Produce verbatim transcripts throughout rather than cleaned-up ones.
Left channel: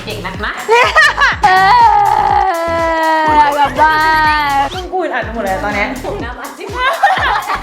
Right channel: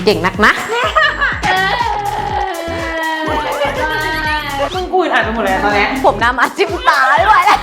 ก่งนักนะมึงกูอ่านไปหมดเลยตอนนี้ผมน้ำอาจิ้มตาไม่ไหวแล้ว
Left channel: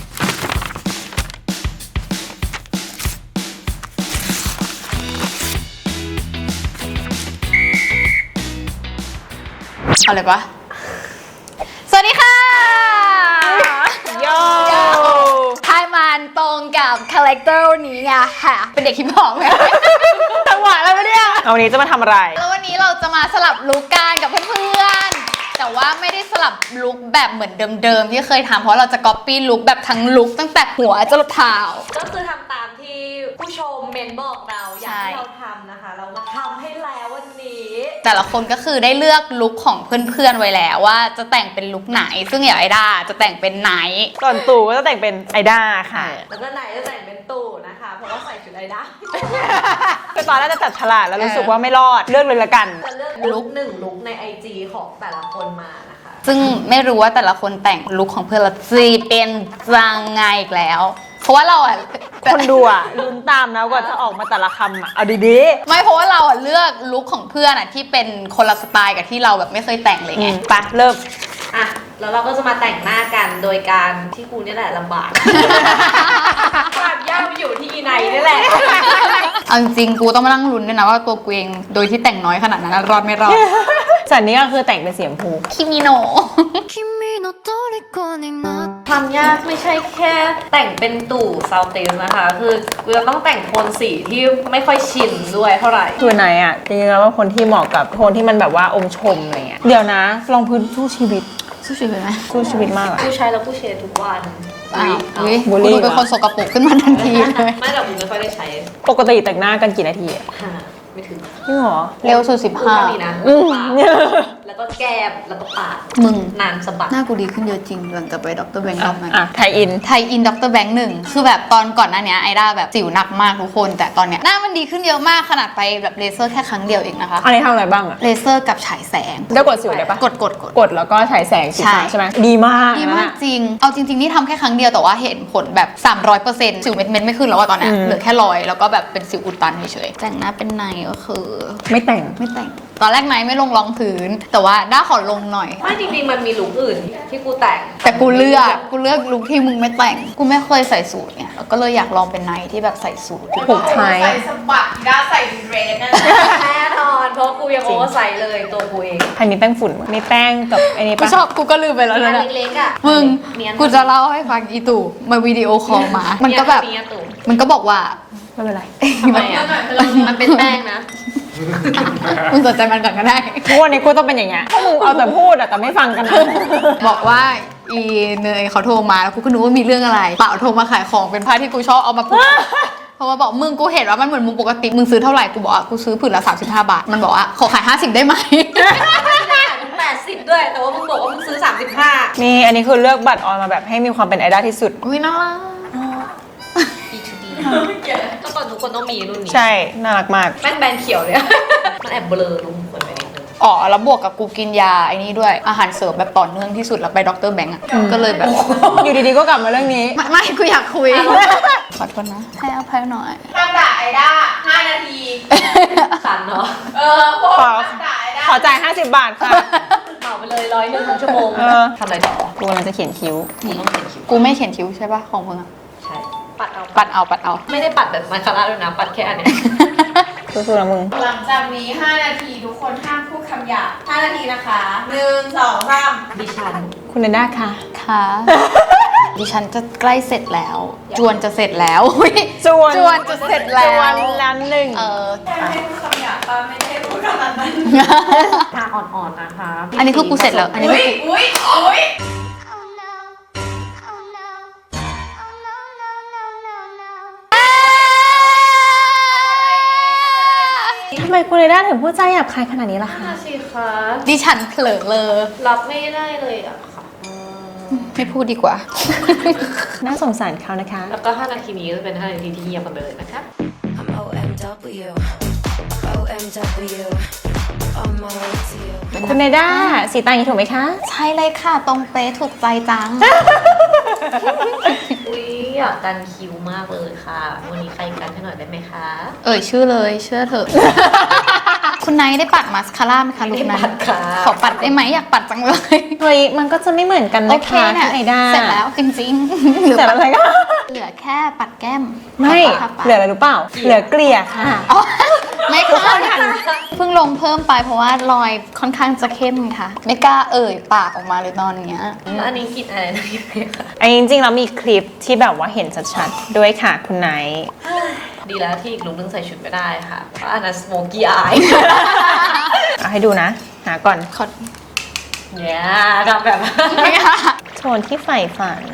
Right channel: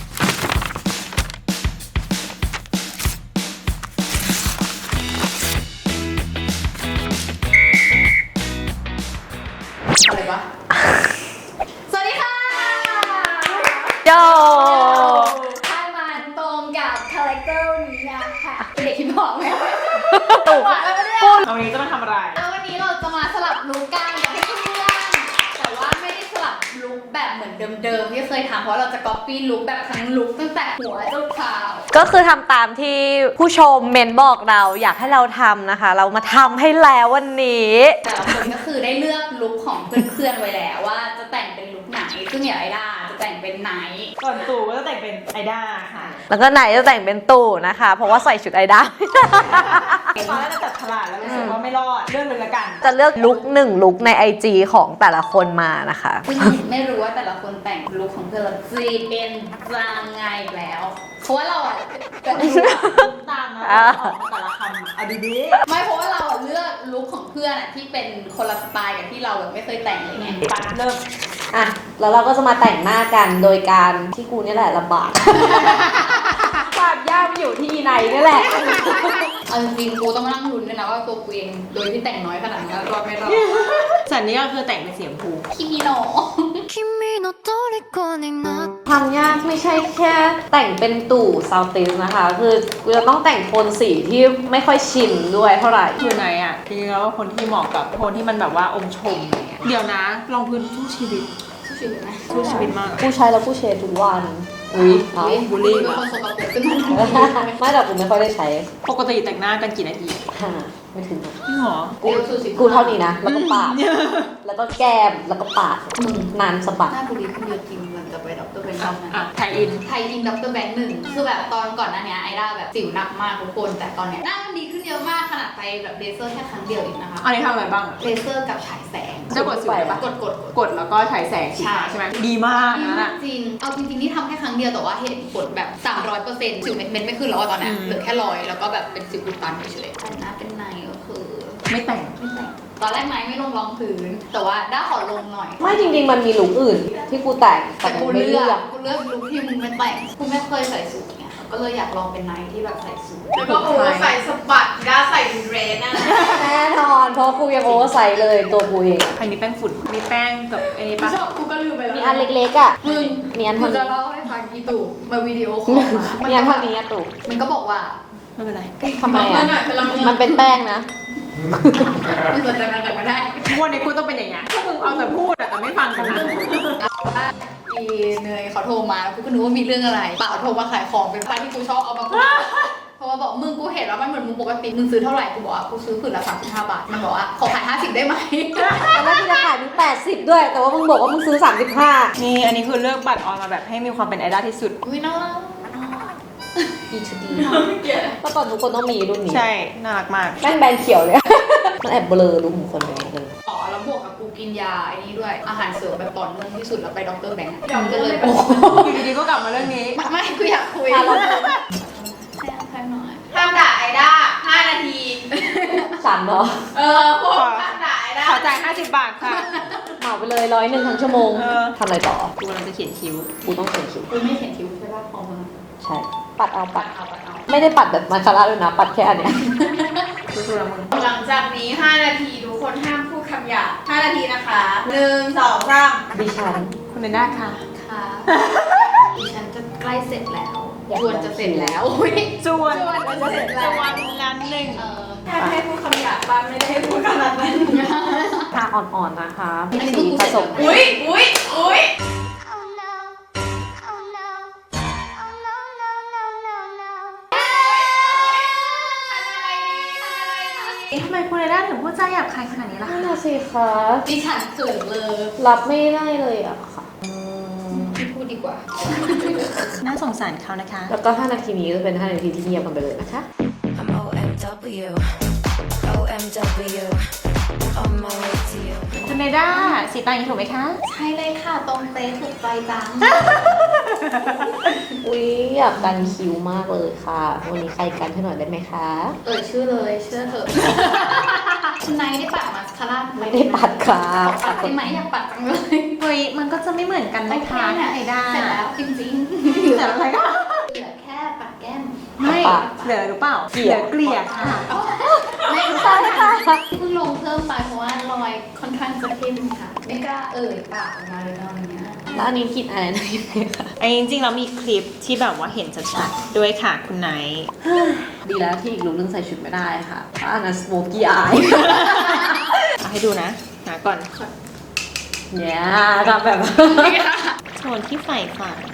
เอาเลยปะสวัสดีค่ะโยให้มันตรงกับคาแรคเตอร์นี้ไงค่ะเป็นเด็กฮิปฮอปไงจังหวะแล้วเนี่ยเอาวันนี้จะมาทำอะไรแล้ววันนี้เราจะมาสลับลุคกันกับเพื่อนๆแต่ว่าไม่ได้สลับลุคแบบเหมือนเดิมๆที่เคยทำเพราะเราจะก๊อปปี้ลุคแบบทั้งลุคตั้งแต่หัวจนเท้าก็คือทำตามที่ผู้ชมเมนบอกเราอยากให้เราทำนะคะเรามาทำให้แล้ววันนี้แต่ละคนก็คือได้เลือกลุคของเพื่อนๆไว้แล้วว่าจะแต่งเป็นลุคไหนซึ่งอย่างไอด้าจะแต่งเป็นไหนก่อนตู่ก็จะแต่งเป็นไอด้าค่ะแล้วก็ไหนจะแต่งเป็นตู่นะคะเพราะว่าใส่ชุดไอด้าตอนแรกจะจัดฉลาดแล้วรู้สึกว่าไม่รอดเลือกเลยละกันจะเลือกลุคหนึ่งลุคใน ไอ จี ของแต่ละคนมานะคะซึ่งไม่รู้ว่าแต่ละคนแต่งลุคของเพื่อนเราจะเป็นยังไงอีกแล้วเพราะว่าเราอ่ะคนดูอ่ะลุ้มตามนะว่าจะออกมาแต่ละคำอ่ะเอาดีๆไม่เพราะว่าเราอ่ะเลือกลุคของเพื่อนอ่ะที่เป็นคนละสไตล์กับที่เราแบบไม่เคยแต่งเลยไงไปเริ่มอ่ะแล้วเราก็จะมาแต่งหน้ากันโดยการที่กูนี่แหละลำบากความยากอยู่ที่อีไนนี่แหละเอาจริงๆกูต้องมานั่งลุ้นด้วยนะว่าตัวกูเองโดยที่แต่งน้อยขนาดนั้นรอดไม่รอดสันนี้ก็คือแต่งเป็นสีชมพูคิมิโนะทำยากไม่ใช่แค่แต่งเป็นตู่ซาวติสนะคะคือกูจะต้องแต่งโทนสีที่ไม่ค่อยชินด้วยเท่าไหร่คือไหนอ่ะจริงๆแล้วว่าคนที่เหมาะกับคนที่มันแบบว่าองค์ชมอะไรเงี้ยเดี๋ยวนะลองพื้นสู้ชีวิตสู้ชีวิตไหมสู้ชีวิตมากกูใช้แล้วกูเชดทุกวันอุ้ยอุ้ยกูเป็นคนสกปรกขึ้นมาทันทีเลยไม่แต่กูไม่ค่อยได้ใช้ปกติแต่งหน้ากันกี่นาทีไม่ถึงจริงเหรอเร็วสุดสิบห้ากูเท่านี้นะแล้วก็ปาดแล้วก็แก้มแล้วก็ปาดมึงนานสะบัดหน้ากูดีขึ้นเยอะจริงหลังจากไปด็อกเตอร์แบงค์รอบนั้นอ่ะไทยอินไทยอินด็อกเตอร์แบงค์หนึ่งคือแบบตอนก่อนหน้านี้ไอด้าแบบสิวหนักมากทุกคนแต่ตอนเนี้ยหน้ามันดีขึ้นเยอะมากขนาดไปแบบเลเซอร์แค่ครั้งเดียวเองนะคะอันนี้ทำอะไรบ้างอะเลเซอร์กับฉายแสงได้กดสิวได้ปะกดกดกดกดแล้วก็ฉายแสงใช่ใช่ไหมดีมากดีมากจริงเอาจริงๆนี่ทำแค่ครั้งเดียวแต่ว่าเห็นผลแบบสามร้อยเปอร์เซ็นต์สิวเม็ดเม็ดไม่ขึ้นแล้วตอนนี้เหลือแค่รอยแล้วก็แบบเป็นสิวอุดตันเฉยๆแต่งหน้าเป็นในก็คือไม่แต่งไม่แต่งตอนแรกไนไม่ลงรองพื้นแต่ว่าด้าขอลงหน่อยไม่จริงๆมันมีลุคอื่นที่กูแต่งแต่กูเลือกกูเลือกลุคที่มึงไม่แต่งกูไม่เคยใส่สูทเนี่ยก็เลยอยากลองเป็นไนที่แบบใส่สูทผมไทยใส่สบัดด้าใส่เดรสนั่นแน่นอนเพราะกูยังโอเวอร์ไซส์เลยตัวกูเองใครมีแป้งฝุ่นมีแป้งกับไอ้นี่ปะชอบกูก็ลืมไปแล้วนะเล็กๆอ่ะมึงกูจะเล่าให้ฟังอีตู่มาวิดีโอคอลมามันก็แบบมันก็บอกว่าไม่เป็นไรทำไมอ่ะมันเป็นแป้งนะมึงสนใจมันก่อนก็ได้ทุกวันนี้กูต้องเป็นอย่างเงี้ยมึงเอาแต่พูดอะแต่ไม่ฟังกันบอกว่าอีเนยเขาโทรมาแล้วกูก็นึกว่ามีเรื่องอะไรเปล่าโทรมาขายของเป็นผ้าที่กูชอบเอามาพูดเพราะว่าบอกมึงกูเห็นว่ามันเหมือนมึงปกติมึงซื้อเท่าไหร่กูบอกว่ากูซื้อผืนละสามสิบห้าบาทมันบอกว่าขอขายห้าสิบได้ไหมแล้วที่จะขายมึงแปดสิบด้วยแต่ว่ามึงบอกว่ามึงซื้อสามสิบห้านี่อันนี้คือเลือกบัตรออนมาแบบให้มีความเป็นไอดอลที่สุดอุ้ยน่ารักอีทูดีก็ตอนทุกคนต้องมีรุ่นนี้ใช่น่ารักมากแม่งแบนเขียวเลยมันแอบเบลอดูหุ่นคนไปนิดนึงอ๋อแล้วบวกกับกูกินยาไอ้นี่ด้วยอาหารเสริมแบบต่อเนื่องที่สุดแล้วไปด็อกเตอร์แบงก์อ่ะก็เลยแบบอยู่ดีๆก็กลับมาเรื่องนี้ไม่กูอยากคุยขอโทษนะให้อภัยหน่อยห้ามด่าไอด้าห้านาทีสั่นเนาะเออขอด่าไอด้าขอจ่ายห้าสิบบาทค่ะเหมาไปเลยร้อยหนึ่งทั้งชั่วโมงทำอะไรต่อกูกำลังจะเขียนคิ้วกูต้องเขียนคิ้วกูไม่เขียนคิ้วใช่ปะของมึงใช่ปัดเอาปัดเอาปัดเอาไม่ได้ปัดแบบมาคาร่าด้วยนะปัดแค่อันเนี้ยสู้ๆนะมึงหลังจากนี้ห้านาทีทุกคนห้ามพูดคำหยาบห้านาทีนะคะหนึ่งสองสามดิฉันคุณเนด้าค่ะค่ะดิฉันจะใกล้เสร็จแล้วจวนจะเสร็จแล้วจวนจวนจะเสร็จแล้วจวนนั้นหนึ่งเออแค่ให้พูดคำหยาบป้าไม่ได้พูดขนาดนั้นทาอ่อนๆนะคะอันนี้คือกูเสร็จแล้วอุ้ยอุ้ยอุ้ยทำไมคุณเนด้าถึงพูดใจหยาบคายขนาดนี้ล่ะคะน่าสิคะดิฉันเผลอเลยรับไม่ได้เลยอะค่ะไม่พูดดีกว่าน่าสงสารเขานะคะแล้วก็ห้านาทีนี้จะเป็นห้านาทีที่เงียบกันไปเลยนะคะ I'm โอ เอ็ม ดับเบิลยู โอ เอ็ม ดับเบิลยู on my way to you คุณเนด้าสีตาอย่างนี้ถูกไหมคะใช่เลยค่ะตรงเป๊ะถูกใจจังอุ๊ยอยากกันคิ้วมากเลยค่ะวันนี้ใครกันให้หน่อยได้ไหมคะเอ่ยชื่อเลยเชื่อเถอะคุณไนท์ได้ปัดมาสคาร่าไหมคะไม่ได้ปัดค่ะขอปัดได้ไหมอยากปัดจังเลยเฮ้ยมันก็จะไม่เหมือนกันโอนะเคคะเนี่พี่ยไอด้าเสร็จแล้วจริงๆเสร็จอะไรก็เหลือแค่ปัดแก้มไม่ปัดเหลืออะไรรู้เปล่าเหลือเกลี่ยค่ะอ๋อไม่ค่ะเพิ่งลงเพิ่มไปเพราะว่ารอยค่อนข้างจะเข้มค่ะ ไม่กล้าเอ่ยปากออกมาเลยตอนเนี้ยแล้วอันนี้กินอะไรนะพี่เมย์ค่ะอันนี้จริงๆเรามีคลิปที่แบบว่าเห็นชัดๆด้วยค่ะคุณไนท์ดีแล้วที่อีกลุกนึงใส่ชุดไม่ได้ค่ะ เพราะอันนั้นสโมกี้อายเอาให้ดูนะ หาก่อนขอเนี่ยทำแบบไม่ค่ะโทนที่ใฝ่ฝัน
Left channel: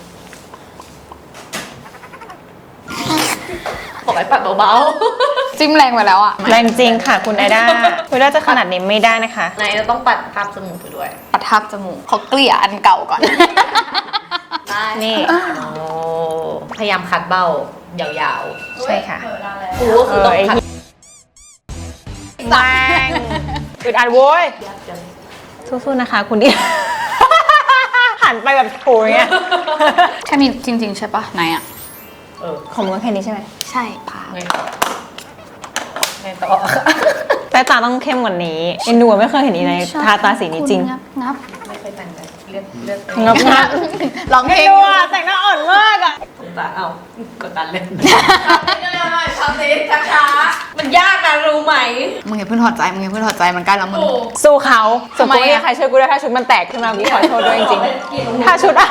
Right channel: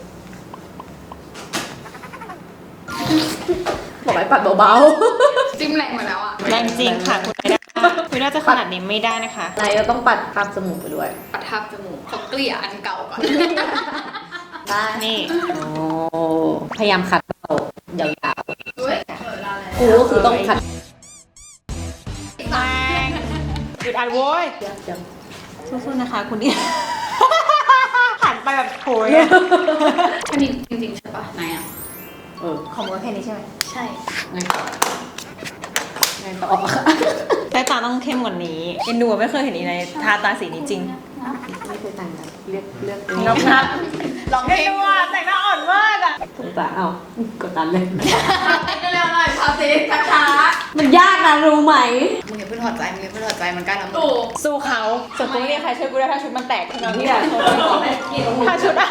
บอกให้ปัดเบาจิ้มแรงไปแล้วอ่ะแรงจริงค่ะคุณไอด้าคุณไอด้าจะขนาดนี้ไม่ได้นะคะๆในเราต้องปัดภาพจมูกไปด้วยปัดทับจมูกเขาเกลี่ยอันเก่าก่อนได้นี่โอ้พยายามคัดเบ้ายาวใช่ค่ะเปิดแล้วๆกูก็คือต้องคัดแรงอึดอัดโว้ยยับยับสู้ๆนะคะคุณดิ หันไปแบบโถยอะแค่นี้จริงๆใช่ปะไหนอ่ะเออของมึงก็แค่นี้ใช่ไหมใช่ไงต่อไงต่อแต่ตาต้องเข้มกว่านี้เอ็นดูอะไม่เคยเห็นอีอะไรทาตาสีนี้จริงงับงับไม่เคยแต่งเลยเลือกเลือกงับงับลองเพลเอ็นงดูอะแต่งหน้าอ่อนมากอะสงสารเอากดดันเลยเร็วๆหน่อยพาสิช้ามันยากนะรู้ไหมมึงอย่าเพิ่งถอดใจมึงอย่าเพิ่งถอดใจมันใกล้แล้วๆมึงถูกสู้เขาส่วนทำไมกูไม่มีอะใครช่วยกูได้ถ้าชุดมันแตกขึ้นมาพี่ขอโทษด้วยจริงๆถ้าชุดอะ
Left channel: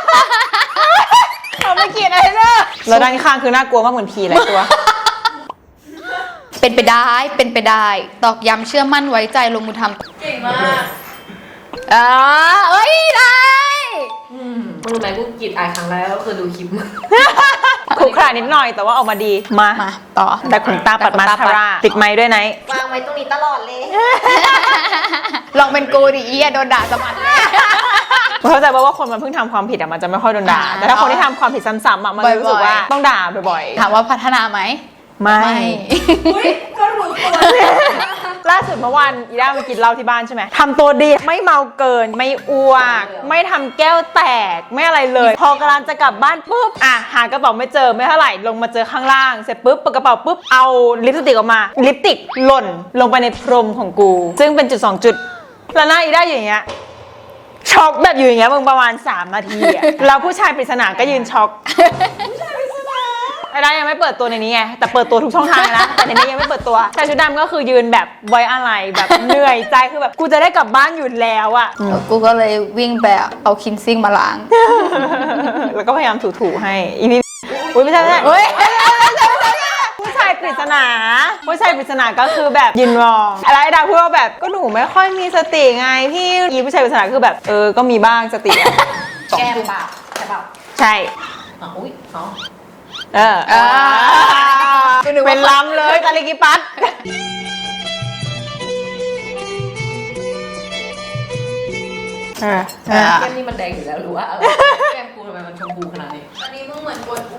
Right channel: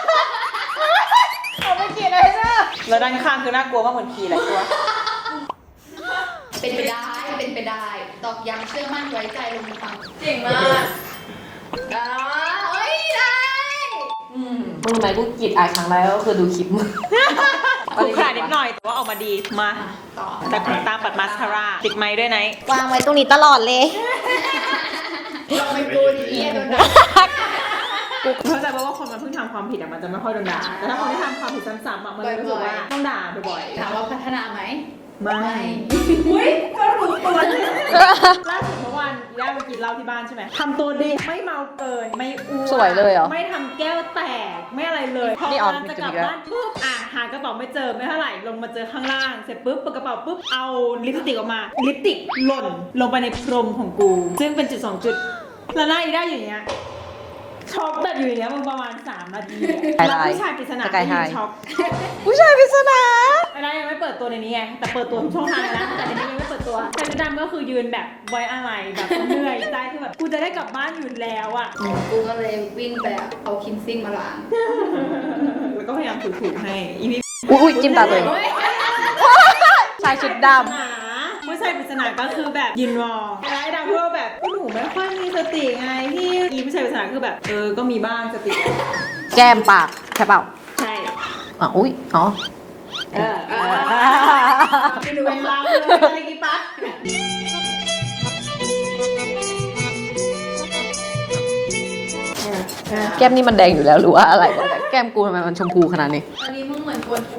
เอาไม่กินอะไรเนอะแล้วด้านข้างคือน่ากลัวมากเหมือนผีหลายตัวเป็นไปได้เป็นไปได้ ตอกย้ำเชื่อมั่นไว้ใจลงมือทเก่งมากำอ่าเอ้ยได้มึงรู้ไหมกูกรีดอายครั้งแรกก็คือดูคลิปมึงขรุขระนิดหน่อยแต่ว่าออกมาดีมามาต่อแต่ขนตาปัดมาสคาร่าติดไม้ด้วยไหนวางไว้ตรงนี้ตลอดเลย ลองเป็นกูดิเอียโดนด่าตลอดเข้าใจว่าคนมันเพิ่งทำความผิดอะมันจะไม่ค่อยโดนด่าอ่าแต่ถ้าคนที่ทำความผิดซ้ำๆอะมันจะรู้สึกว่าบ่อยๆต้องด่าบ่อยถามว่าพัฒนาไหมๆไม่อุ้ยก็รู้ตัวล่าสุดเมื่อวานอีด้าไปกินเหล้าที่บ้านใช่ไหมทำตัวดีไม่เมาเกินไม่อ้วสวยนเลยเหรอไม่ทำแก้วแตกไม่อะไรเลยพอกำลังจะกลับบ้านปุ๊บอ่ะหากระเป๋าไม่เจอไม่เท่าไหร่ลงมาเจอข้างล่างเสร็จปุ๊บเปิดกระเป๋าปุ๊บเอาลิปสติกออกมาลิปสติกหล่นลงไปในพรมของกู ซึ่งเป็นจุดสองจุดแล้วหน้าอีด้าอยู่อย่างเงี้ยช็อกแบบอยู่อย่างเงี้ยมึงประมาณสามนาทีอะแล้วผู้ชายปริศนาก็ยืนช็อก ผู้ชายปริศนาไอ้ด้ายังไม่เปิดตัวในนี้ไงแต่เปิดตัวทุกช่องทางแล้วแต่ในนี้ยังไม่เปิดตัวชายชุดดำก็คือยืนแบบไว้อะไรแบบเหนื่อยใจคือแบบกูจะได้กลับบ้านอยู่แล้วอะกูก็เลยวิ่งไปเอาคินซิ่งมาล้างแล้วก็พยายามถูๆให้อีพี่อุ้ยอุ๊ยจิ้มไม่ได้เลยเฮ้ยผู้ชายปริศนาผู้ชายปริศนาก็คือแบบยืนมองอะไรไอ้ดาวพูดว่าแบบก็หนูไม่ค่อยมีสติไงพี่อีผู้ชายปริศนาคือแบบเออก็มีบ้างสติอะแก้มปากใช่เปล่าใช่อ๋ออุ้ยอ๋อเออเออเป็นล้ำเลยตาลิกิปัสแก้มนี่มันแดงอยู่แล้วหรือว่าอะไร แก้มกูทำไมมันชมพูขนาดนี้อันนี้มึงเหมือนกวนอู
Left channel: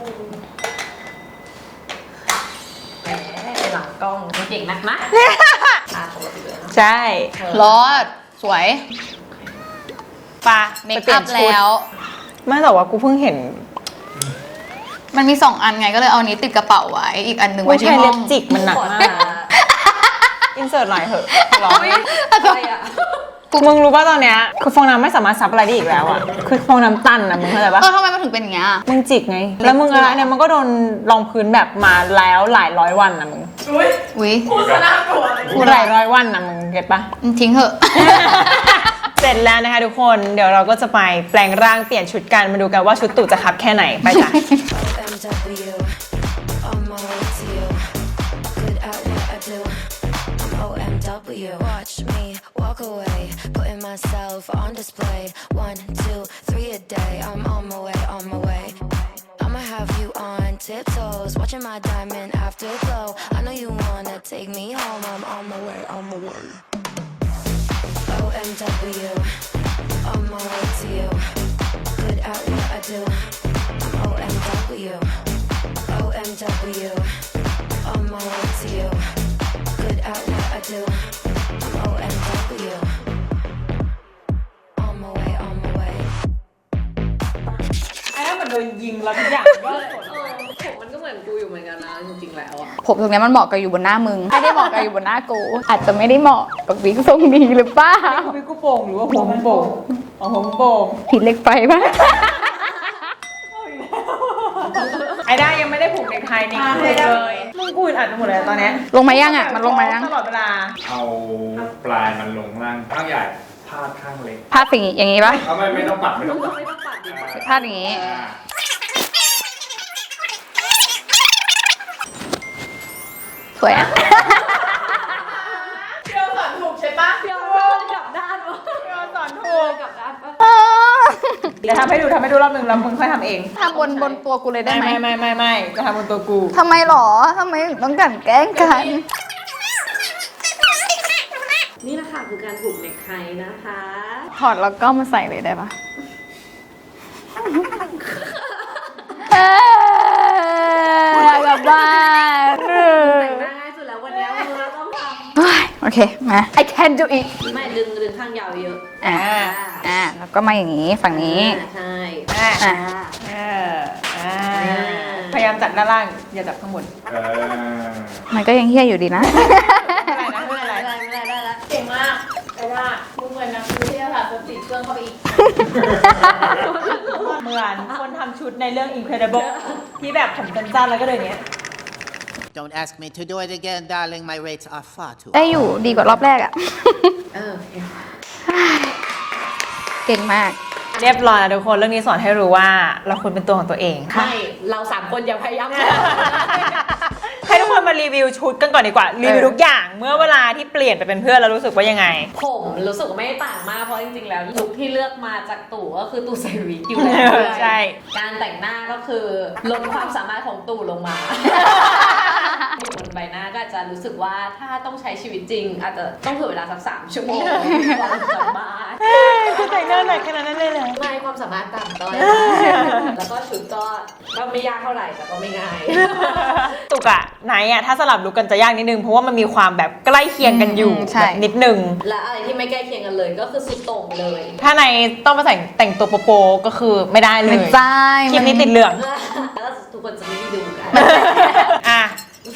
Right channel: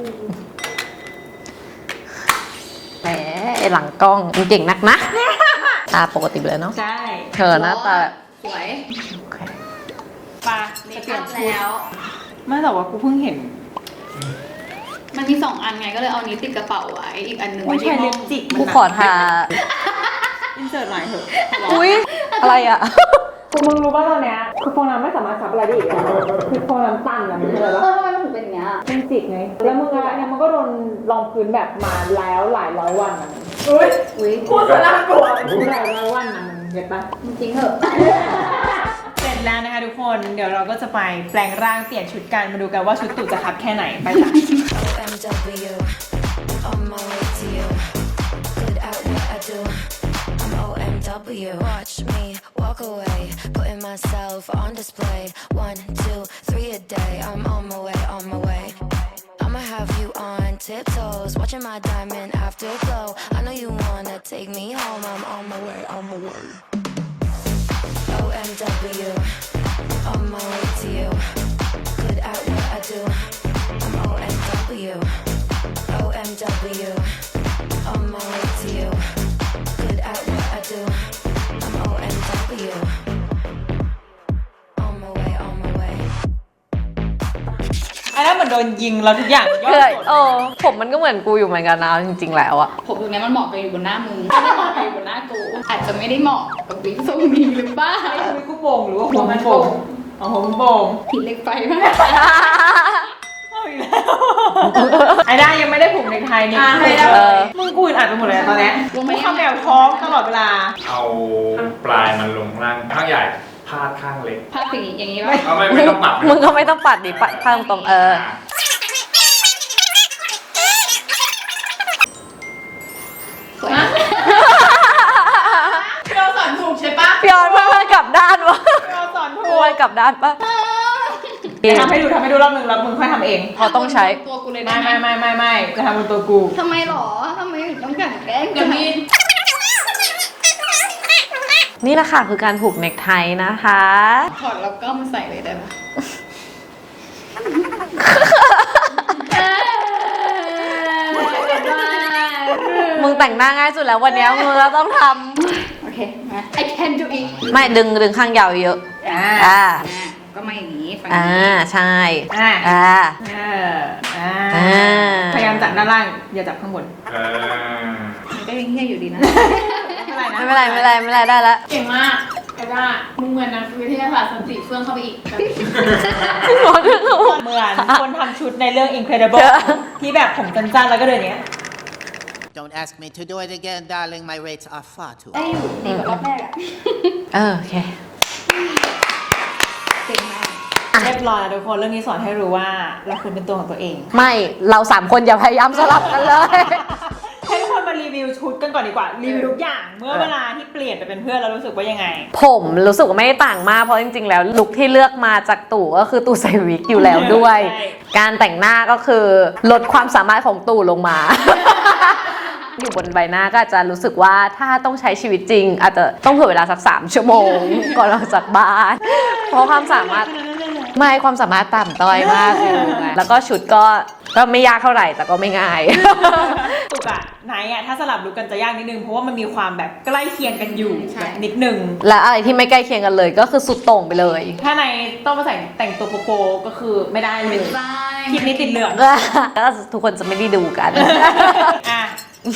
แหมไอ้หลังกล้องมึงเก่งนักนะตาปกติเลยเนาะใช่เธอรนะอตาดสวยปะเมไปคเปลี่อัยนพชุดแล้วไม่แต่ว่ากูเพิ่งเห็นมันมีสองอันไงก็เลยเอานี้ติดกระเป๋าไว้ อีกอันหนึ่งผู้ไว้ที่ชายห้เล็อบ งจิกมันหนักขอมาตากอินเสิร์ตหน่อยเถอะขอร้องอุ้ยอะไรอ่ะมึงรู้ป่ะตอนเนี้ยคือฟองน้ำไม่สามารถซับอะไรได้อีกแล้วอะคือฟองน้ำตันนะมึงเข้าใจปะเออทำไมมันถึงเป็นอย่างเงี้ยมึงจิกไง แล้วมึงอะไรเนี่ยมันก็โดนรองพื้นแบบมาแล้วหลายร้อยวันนะมึงอุ้ยอุ้ยพูดซะน่ากลัวเลยหลายร้อยวันนะมึงเก็ตปะทิ้งเถอะเสร็จแล้วนะคะทุกคนเดี๋ยวเราก็จะไปแปลงร่างเปลี่ยนชุดกันมาดูกันว่าชุดตู่จะคับแค่ไหนไปจ้ะ O M W, on my way to you. Good at what I do. I'm O M W. Watch me walk away, putting myself on display. One, two, three a day. I'm on my way, on my way. I'ma have you on tiptoes, watching my diamond afterglow. I know you wanna take me home. I'm on my way, on my way. O M W, on my way to you. Good at what I do. I'm O M W, O M W, on my way to you. Good at what I do. I'm O M W, on my way, on my way. ไอ้นั่นเหมือนโดนนยิงแล้วทุกอย่างย่อคือส่วนโอ้ผมมันก็เหมือนกูอยู่เหมือนกันนะจริงๆแล้วอะผมตรงเนี้ยมันเหมาะกับอยู่บนหน้ามึงไม่ได้เหมาะกับอยู่บนหน้ากู อาจจะไม่ได้เหมาะกับวิกทรงนี้หรือเปล่าทวิกกูโป่งหรือว่าหัวมันโป่งเอาหัวมันโป่งผิดเล็กไปป่ะไอ้ด้ายังไม่ได้ผูกเนคไทนี่อ่ะผูกให้เลได้ยมึงกูอึดอัดไปหมดเลยตอนเนี้ยลงมายังอ่ะแบบลร้งอมาง ยังตลอดเวลาเอาปลายมันลงข้างล่างข้างใหญ่พาดข้างเล็กภาพอย่างงี้อย่างงี้ป่ะเอาไม่ไม่ต้องปัดมึงก็ไม่ต้องปัดดิปัดข้างตรงเออสวยนะเราสอนถูกใช่ปะพี่ออนมันมันกลับด้านวะเราสอนถูมันกกลับด้านปะทำให้ดูทำให้ดูรอบหนึ่งแล้วมึงค่อยทำเองเราต้องใช้บนตัวกูเลยได้ไม่ไหมไม่ไม่ไม่ไม่จะทำบนตัวกูทำไมหรอทำไมต้องกลันแกล้งกันนี่แหละค่ะคือการผูกเนคไทนะคะถอดแล้วก็มาใส่เลยได้ปะแบบว่ามึงแต่งหน้าง่ายสุดแล้ววันเนี้ยมึงก็ต้องทโอเค มา I can do it ำไม่ดึงดึงข้างยาวเยอะอ่าอ่าอ่าแล้วก็มาอย่างนี้ฝั่งอ่านี้ใช่อ่าอ่าเอออ่าอ่าพยายามจับด้านล่างอย่าจับข้างบนเออมันก็ยังเฮี้ยอยู่ดีนะไม่เป็นไรไม่เป็นไรไม่เป็นไรได้ละเก่งมากไอ้ด้ามึงเหมือนนักวิทยาศาสตร์สติเฟื่องเข้าไปอีกเหมือนคนทำชุดในเรื่อง Incredible ที่แบบผมสั้นๆแล้วก็เดินอย่างเนี้ย Don't ask me to do it again, darling. My rates are far too ได้อยู่ดีกว่ารอบแรกอะเออโอเคเก่งมากเรียบร้อยแล้วทุกคนเรื่องนี้สอนให้รู้ว่าเราควรเป็นตัวของตัวเองไม่เราสามคนอย่าพยายามสลับกันเลยให้ทุกคนมารีวิวชุดกันก่อนดีกว่า รีวิวทุกอย่างเมื่อเวลาที่เปลี่ยนไปเป็นเพื่อนแล้วรู้สึกว่ายังไงผมรู้สึกว่าไม่ได้ต่างมากเพราะจริงๆแล้วลุคที่เลือกมาจากตู่ก็คือตู่ใส่วิกอยู่แล้วด้วยใช่การแต่งหน้าก็คือลดความสามารถของตู่ลงมา อยู่บนใบหน้าก็อาจจะรู้สึกว่าถ้าต้องใช้ชีวิตจริง อาจจะต้องเผื่อเวลาสักสามชั่วโมง ก่อนเราจากบ้านเพราะความสามารถ ไม่ความสามารถต่ำต้อยมากเลยแล้วก็ชุดก็ก็ไม่ยากเท่าไหร่แต่ก็ไม่ง่ายตุกอะไหนอะถ้าสลับลุกกันจะยากนิดนึงเพราะว่ามันมีความแบบใกล้เคียงกันอยู่อืมใช่แบบนิดนึงและอะไรที่ไม่ใกล้เคียงกันเลยก็คือสุดโต่งไปเลยถ้าในต้องมาแต่งแต่งตัวโปโปก็คือไม่ได้เลยใช่คลิปนี้ติดเหลืองแล้วทุกคนจะไม่ได้ดูกันอ่ะ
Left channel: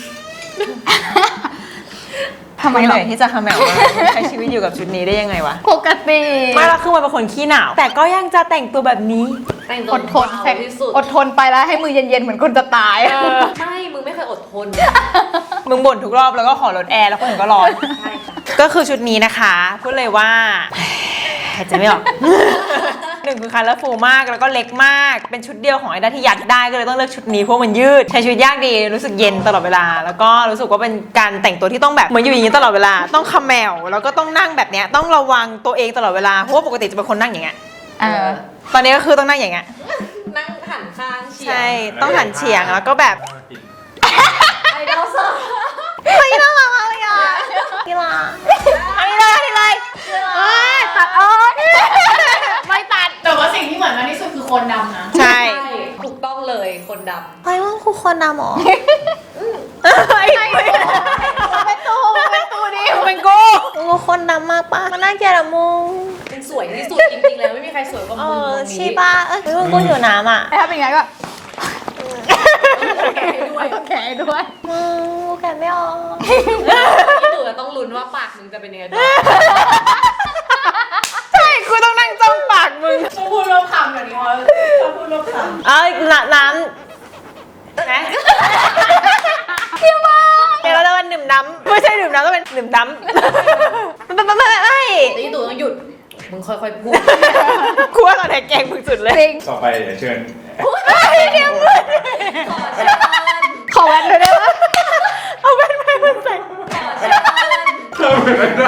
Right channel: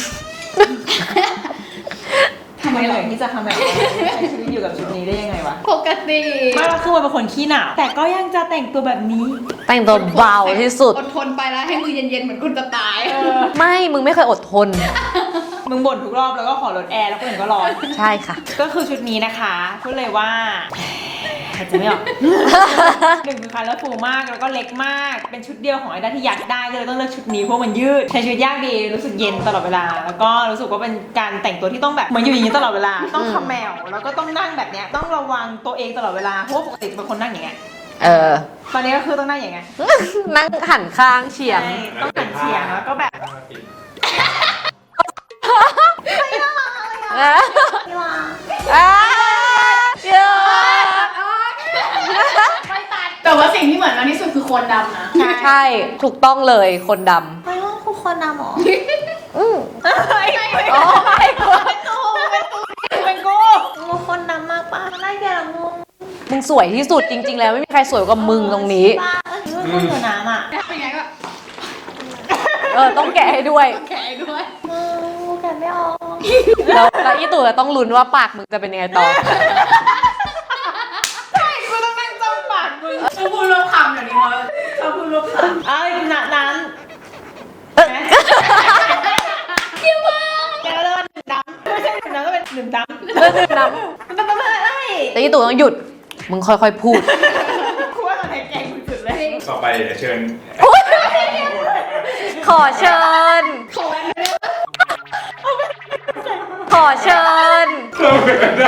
ทำไมเหนื่อยที่จะคำแบบว่าใช้ชีวิตอยู่กับชุดนี้ได้ยังไงวะปกติไม่ละคือมันเป็นคนขี้หนาวแต่ก็ยังจะแต่งตัวแบบนี้แต่งตัวเบาที่สุดอดทนไปแล้วให้มือเย็นๆเหมือนคนจะตายไม่มึงไม่เคยอดทนมึงบ่นทุกรอบแล้วก็ขอลดแอร์แล้วคนอื่นก็ร้อนใช่ค่ะก็คือชุดนี้นะคะพูดเลยว่าหายใจไม่ออก หนึ่งคือคันแล้วฟูมากแล้วก็เล็กมาก เป็นชุดเดียวของไอ้ด้าที่อยากได้ก็เลยต้องเลือกชุดนี้เพราะมันยืดใช้ชีวิตยากดีรู้สึกเย็นตลอดเวลา แล้วก็รู้สึกว่าเป็นการแต่งตัวที่ต้องแบบเหมือนอยู่อย่างนี้ตลอดเวลาต้องเขมวแล้วก็ต้องนั่งแบบเนี้ยต้องระวังตัวเองตลอดเวลาเพราะว่าปกติจะเป็นคนนั่งอย่างเงี้ยเออตอนนี้ก็คือต้องนั่งอย่างเงี้ยนั่งหันข้างเฉียงใช่ต้องหันเฉียงแล้วก็แบบไอ้ดาวเซอร์ไม่น่ารักเลยอ่ะนี่ล่ะอะไรอะไรเยอะตัดออกไม่ตัดแต่ว่าสิ่งที่เหมือนมากที่สุดคือโคนดำนะใช่ใช่ถูกต้องเลยคนดไม่ต้องคือคนดำหรอโอ้ยเป็นตูเป็นตูดิเป็นกูกูคนดำมากปะมันน่าเกลียดอะมึงำมึงสวยที่สุดจริงๆแล้วไม่มีใครสวยกว่ามึงตรงนี้ใช่ปะเออมึงอยู่น้ำอ่ะถ้าเป็นไงก็เออต้องแกะให้ด้วยแกะด้วยมึงแกะไม่ออกแล้วอีตู่จะต้องลุ้นว่าปากมึงจะเป็นยังไงต่อใช่กูต้องนั่งจ้องปากมึงชอบพูดรวบคำแบบนี้มั้ยชอบพูดรวบคำเอ้ยน้ำน้ำนะแกเราเรียกว่าหนึ่มน้ำไม่ใช่หนึ่มน้ำก็เป็นหนึ่มน้ำหนึ่มน้ำไม่ไม่ไม่แต่อีตู่ต้องหยุด มึงค่อยๆพูดกูว่าตอนแทนแกงมึงสุดเลยจริงต่อไปเดี๋ยวเชิญขอเชิญขอแว่นด้วยได้ไหมเอาเป็นไปมันใส่ขอเชิญเข้าไปไม่ได้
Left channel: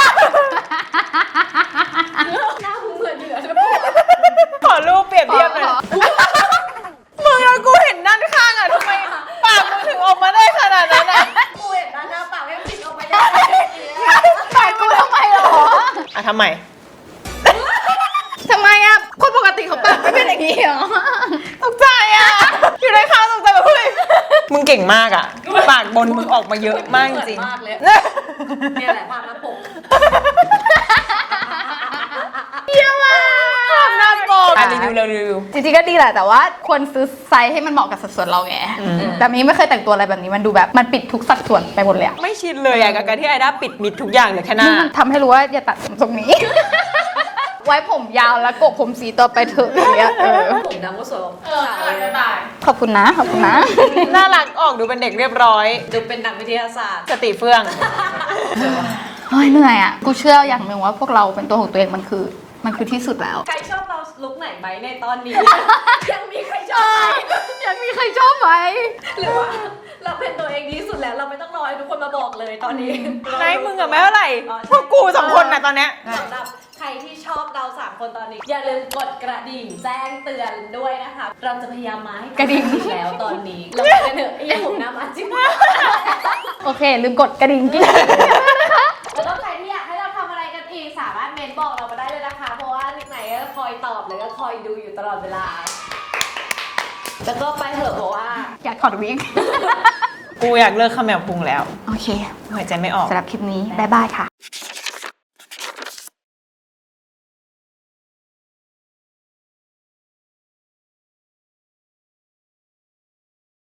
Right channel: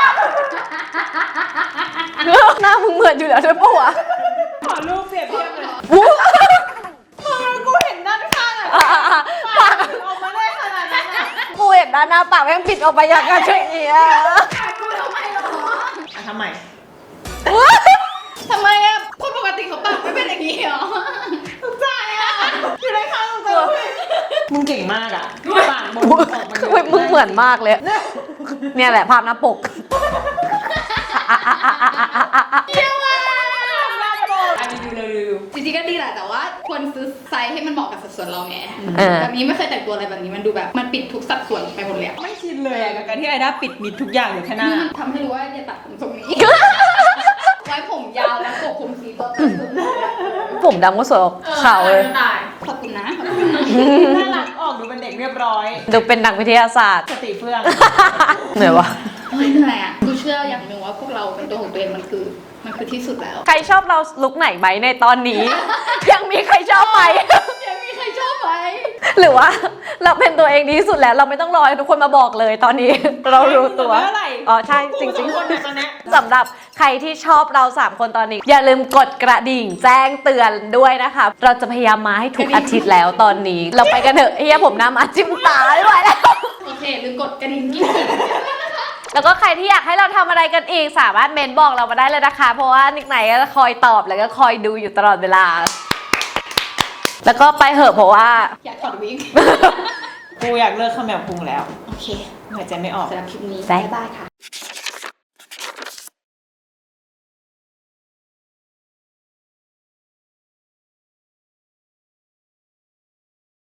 หน้ามึงเหมือนอยู่แล้วใช่ปะวะขอรูปเปรียบเทียบหน่อยมึงแล้วกูเห็นด้านข้างอ่ะปากมันถึงออกมาได้ขนาดนั้นอ่ะกูเห็นด้านหน้าปากแม่งผิดออกไปอย่างไรอย่างเงี้ยแต่กูทำไมหรออ่ะทำไมทำไมอ่ะ คนปกติเขาปากไม่เป็นอย่างนี้หรอตกใจอ่ะอยู่ในข้างตกใจแบบเฮ้ยมึงเก่งมากอ่ะปากบนออกมาเยอะมึงมากเหมือนจริงมากเลย เนี่ยแหละภาพหน้าปกเยี่ยมมากหน้าปกอ่ะจรีวิวรีวิวจริงๆก็ดีแหละแต่ว่าควรซื้อไซส์ให้มันเหมาะกับสัดส่วนเราไงเออแบบนี้ไม่เคยแต่งตัวอะไรแบบนี้มันดูแบบมันปิดทุกสัดส่วนไปหมดเลยอะไม่ชินเลยอะกับการที่ไอด้าปิดมิดทุกอย่างเลยแค่หน้าทำให้รู้ว่าอย่าตัดผมทรงนี้ ไว้ผมยาวแล้วโกกผมสีต่อไปเถอะอย่างเงี้ยเออผมดำก็สวยกว่าเออเขาเลยจะตายขอบคุณนะขอบคุณนะน่ารักออกดูเป็นเด็กเรียบร้อยดูเป็นนักวิทยาศาสตร์สติเฟื่องเหนื่อยวะเฮ้ยเหนื่อยอ่ะกูเชื่ออย่างหนึ่งว่าพวกเราเป็นตัวของตัวเองมันคือมันคือที่สุดแล้วใครชอบเราลุกไหนไหมในตอนนี้ ยังมีใครชอบไหมยังมีใครชอบไหมหรือว่าเราเป็นตัวเองดีที่สุดแล้วเราไม่ต้องรอให้ทุกคนมาบอกเลยตอนนี้ เรารู้ตัวไม่เท่าไหร่อ๋อใช่พวกกูสองคนเนี่ยตอนเนี้ยสำหรับใครที่ชอบเราสามคนตอนนี้ อย่าลืมกดกระดิ่งแจ้งเตือนด้วยนะคะ เราจะพยายามมาให้ทุกอาทิตย์แล้วตอนนี้ เราไปกันเถอะเฮียผมน้ำอาจิ้มตาไม่ไหวแล้วโอเค ลืมกดกระดิ่งกิ๊งแล้วก็ใครที่อยากให้เราทำอะไรกันอีกสามารถเมนบอกเรามาได้เลยนะคะ เพราะว่านิกไหนก็คอยตอบแล้วก็คอยดูอยู่ตลอดเวลา แล้วก็ไปเหอะเพราะว่าอยากถอดวิกกูอยากเลิกขมแมวพุงแล้วโอเคหายใจไม่ออกสำหรับคลิปนี้บ๊ายบายค่ะ